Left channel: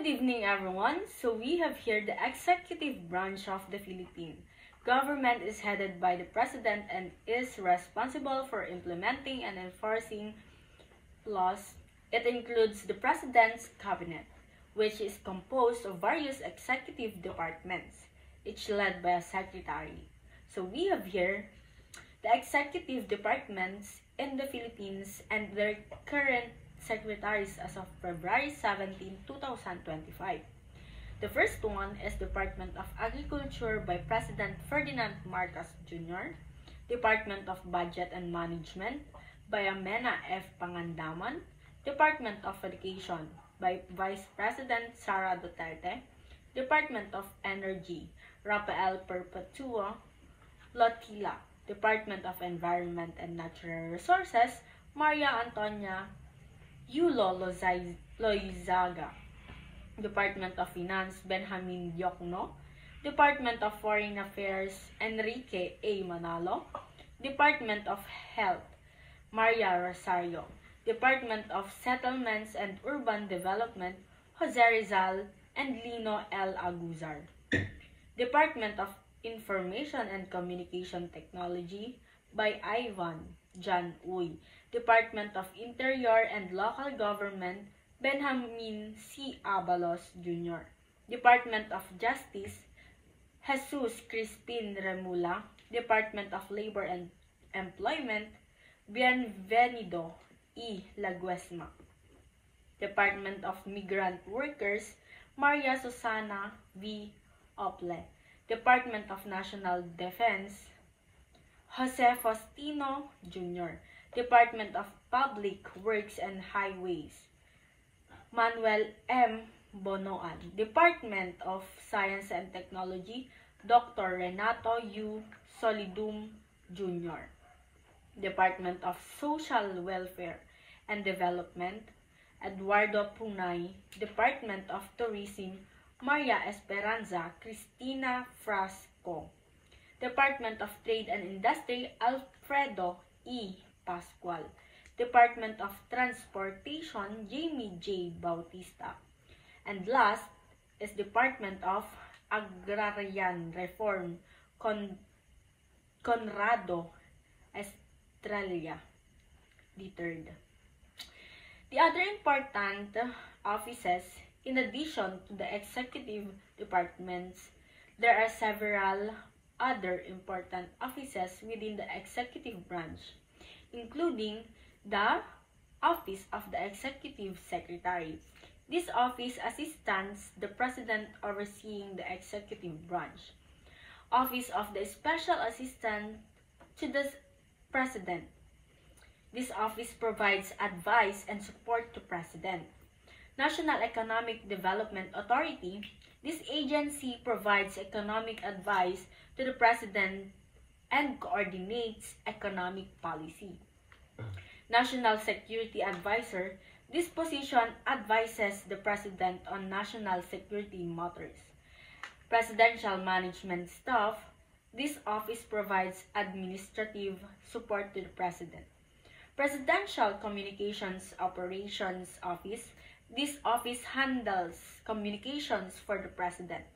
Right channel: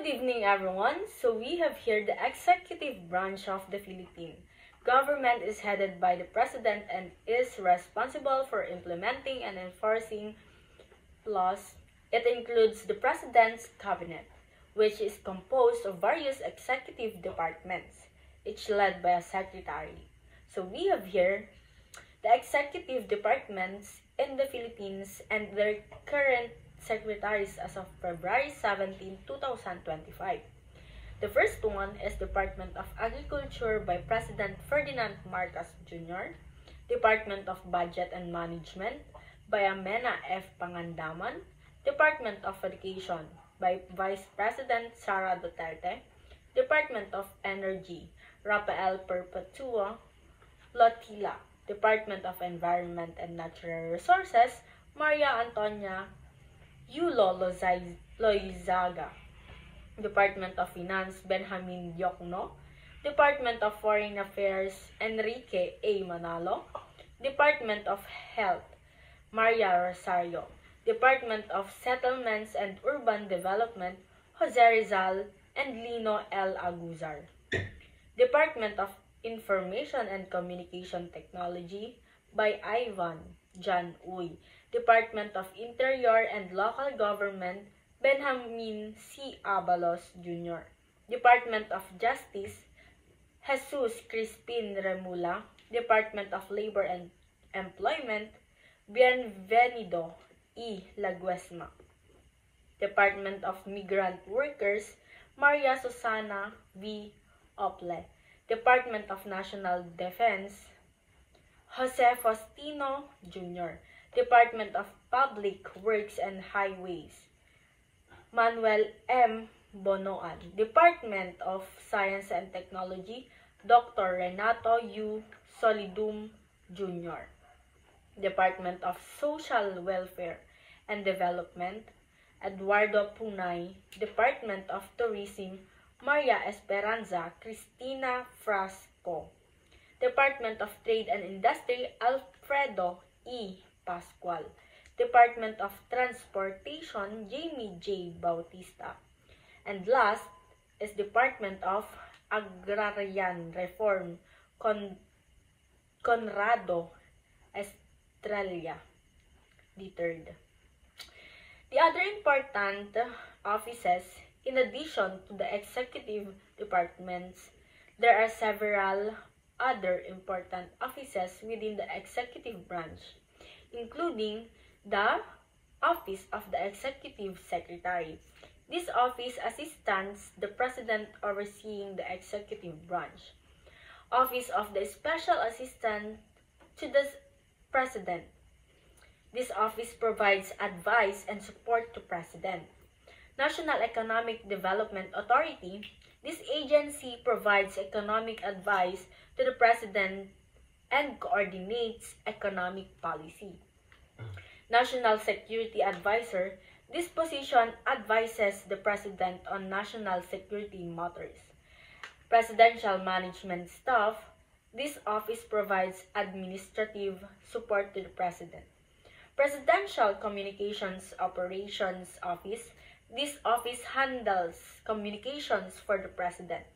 Good evening, everyone. So we have here the executive branch of the Philippine government is headed by the president and is responsible for implementing and enforcing laws. It includes the president's cabinet, which is composed of various executive departments, each led by a secretary. So we have here the executive departments in the Philippines and their current secretaries as of February 17, 2025. The first one is Department of Agriculture by President Ferdinand Marcos Jr., Department of Budget and Management by Amena F. Pangandaman, Department of Education by Vice President Sara Duterte, Department of Energy, Rafael Perpetua Lotila, Department of Environment and Natural Resources, Maria Antonia Yulo Loizaga, Department of Finance, Benjamin Diokno, Department of Foreign Affairs, Enrique A. Manalo, Department of Health, Maria Rosario, Department of Settlements and Urban Development, Jose Rizal and Lino L. Aguzar, Department of Information and Communication Technology by Ivan John Uy, Department of Interior and Local Government, Benjamin C. Abalos Jr., Department of Justice, Jesus Crispin Remula, Department of Labor and Employment, Bienvenido E. Laguesma, Department of Migrant Workers, Maria Susana V. Ople, Department of National Defense, Jose Faustino Jr., Department of Public Works and Highways, Manuel M. Bonoan, Department of Science and Technology, Dr. Renato U. Solidum Jr., Department of Social Welfare and Development, Eduardo Punay, Department of Tourism, Maria Esperanza Cristina Frasco, Department of Trade and Industry, Alfredo E. Pascual, Department of Transportation, Jamie J. Bautista, and last is Department of Agrarian Reform, Conrado Estrella III. The other important offices, in addition to the executive departments, there are several other important offices within the executive branch, including the Office of the Executive Secretary. This office assists the President overseeing the executive branch. Office of the Special Assistant to the President. This office provides advice and support to President. National Economic Development Authority. This agency provides economic advice to the President and coordinates economic policy. National Security Advisor. This position advises the President on national security matters. Presidential Management Staff. This office provides administrative support to the President. Presidential Communications Operations Office. This office handles communications for the President.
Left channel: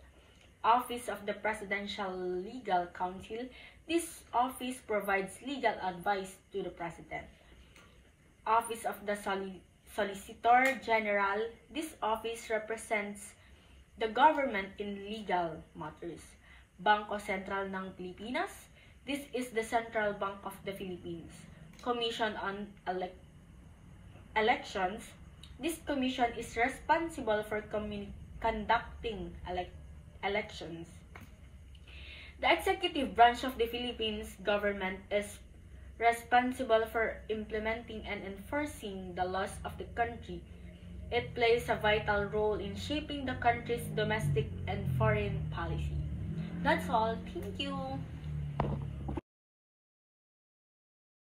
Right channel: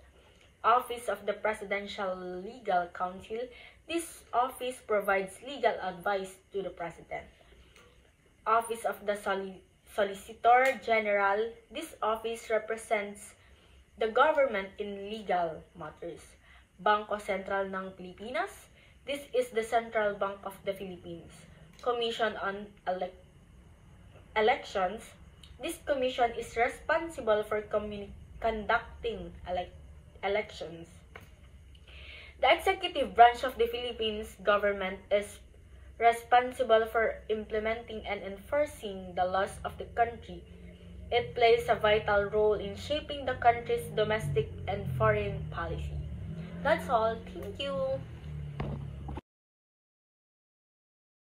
Office of the Presidential Legal Counsel. This office provides legal advice to the President. Office of the Solicitor General. This office represents the government in legal matters. Bangko Sentral ng Pilipinas. This is the Central Bank of the Philippines. Commission on Elections. This commission is responsible for conducting elections. The executive branch of the Philippines government is responsible for implementing and enforcing the laws of the country. It plays a vital role in shaping the country's domestic and foreign policy. That's all. Thank you.